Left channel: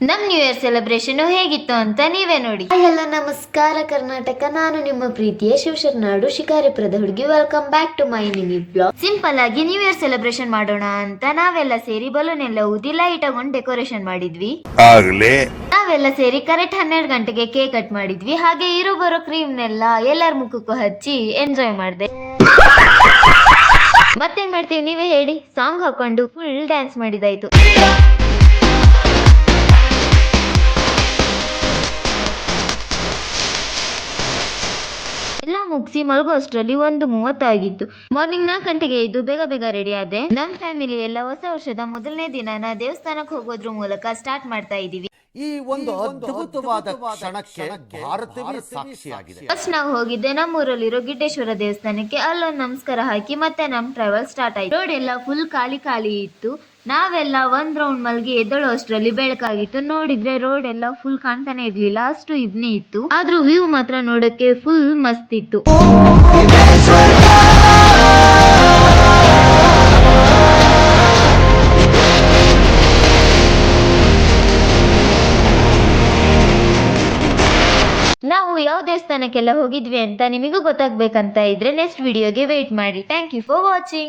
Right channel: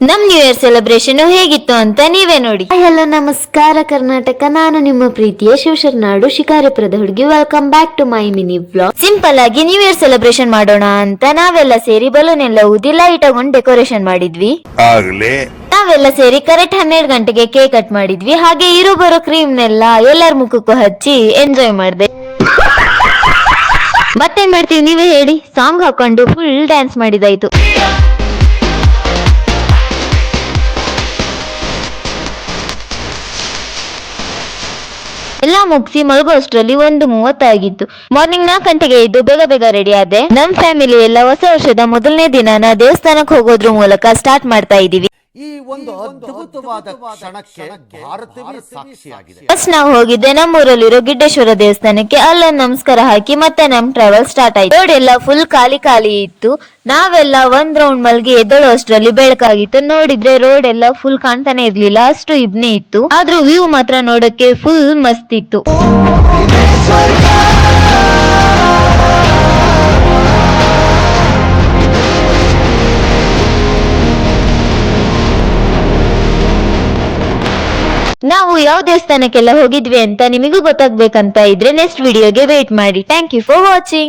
ನಮ್ new year celebration ಹೇಗಿತ್ತು ಅಂತ ನೀವೇ ನೋಡಿ. ಹಲೋ ನಮಸ್ಕಾರ ಕರ್ನಾಟಕ, ನಾನು ನಿಮ್ಮ ಪ್ರೀತಿಯ ಶಿವಶರಣಾಡು ಶಿಕಾರಿಪುರದ ಹುಡುಗಿ. Welcome back to my mini blog. Simple ಆಗಿ ನ್ಯೂ ಇಯರ್ ಸೆಲೆಬ್ರೇಷನ್ ಮಾಡೋಣ ಅಂತ ನಾವೆಲ್ಲ ಸೇರಿ ಬಲೂನ್ ಎಲ್ಲ ಊದಿ ಲೈಟ್ ತಗೊಂಡು ಡೆಕೋರೇಷನ್ ಮಾಡಿದ್ವಿ. ನಾವೆಲ್ಲ ಸೇರಿ ಕರೆಕ್ಟ್ 12 ಗಂಟೆಗೆ ಕೇಕ್ ಕಟ್ ಮಾಡಿದ್ವಿ. ಹಾಗೆ ಇರೋ ಬರೋ ಕ್ರೀಮ್ನೆಲ್ಲ ಎಲ್ಲರ ಮುಖಕ್ಕೂ ಹಚ್ಚಿ ಎಂಜಾಯ್ ಮಾಡಿದೆ. ಮತ್ತೇನ್ ಮಾಡ್ತೀವಿ ನೀವೇ ಹೇಳಿ, ಸಾಂಗ್ ಹಾಕೊಂಡು ಫುಲ್ ಡ್ಯಾನ್ಸ್ ಮಾಡಿದಾಯ್ತು. ಎಲ್ಲ ಮುಗಿಸಿ ಮಲಗೋ ಅಷ್ಟರಲ್ಲಿ 1:30 ಆಗಿತ್ತು. ಮಾರ್ನಿಂಗ್ 4 ಗಂಟೆಗೆ ಇದ್ದು ಬೇಗ ಬೇಗ ರೆಡಿ ಆದೆ. ನಮ್ ಫ್ಯಾಮಿಲಿ ಎಲ್ಲ ಹೊಸ ವರ್ಷದ ಮೊದಲನೇ ದಿನಾನ ದೇವಸ್ಥಾನಕ್ಕೆ ಹೋಗೋದ್ರ ಮೂಲಕ ಸ್ಟಾರ್ಟ್ ಮಾಡ್ತಾ ಇದೀವಿ. ಈ ಒಂದು ಅದ್ಭುತವಾದ ಕ್ಷಣಕ್ಕೆ ಭಾರತವೇ ಸಾಕ್ಷಿಯಾಗಿದೆ. ಫಸ್ಟ್ ನಾವು ಹೋಗಿದ್ದೆ ನಮ್ಮೂರಲ್ಲಿರೋ ಗಿಡ್ಡೇಶ್ವರ ದೇವಸ್ಥಾನಕ್ಕೆ. ಅಲ್ಲೊಂದು ನಮಸ್ಕಾರ ಹಾಕಿ ಮತ್ತೆ ನಮ್ ಟ್ರಾವೆಲ್ ಸ್ಟಾರ್ಟ್ ಆಯ್ತು. ರೋಡ್ ಎಲ್ಲ ಫುಲ್ ಖಾಲಿ ಇತ್ತು. ನಾವೆಲ್ಲ ಒಂದ್ ರೌಂಡ್ ಮಲ್ಗಿ ಎದ್ದಳು ಅಷ್ಟರಲ್ಲಿ ಬೆಳಕಾಗಿತ್ತು. ನೋಡಿದ್ರೆ ರೋಡ್ ಎಲ್ಲ ಫುಲ್ ಕಾಣ್ತಾನೆ ಇರ್ಲಿಲ್ಲ, ಅಷ್ಟು ಇಬ್ನಿ ಇತ್ತು. ಆದ್ರೂ ವ್ಯೂ ಮಾತ್ರ ನೋಡಕ್ಕೆ ಫುಲ್ ಮಸ್ತ್ ಇತ್ತು. ನಾವು ಯಾವ ದೇವಸ್ಥಾನಕ್ಕೆಲ್ಲ ಹೋಗಿದ್ವಿ ಅಂತ ನಿಮಗೂ ಗೊತ್ತಾಗ್ಬೇಕಂತ ಇದ್ರೆ ನೆಕ್ಸ್ಟ್ ವಿಡಿಯೋಗೆ ವೇಟ್ ಮಾಡಿ. Thank you for watching.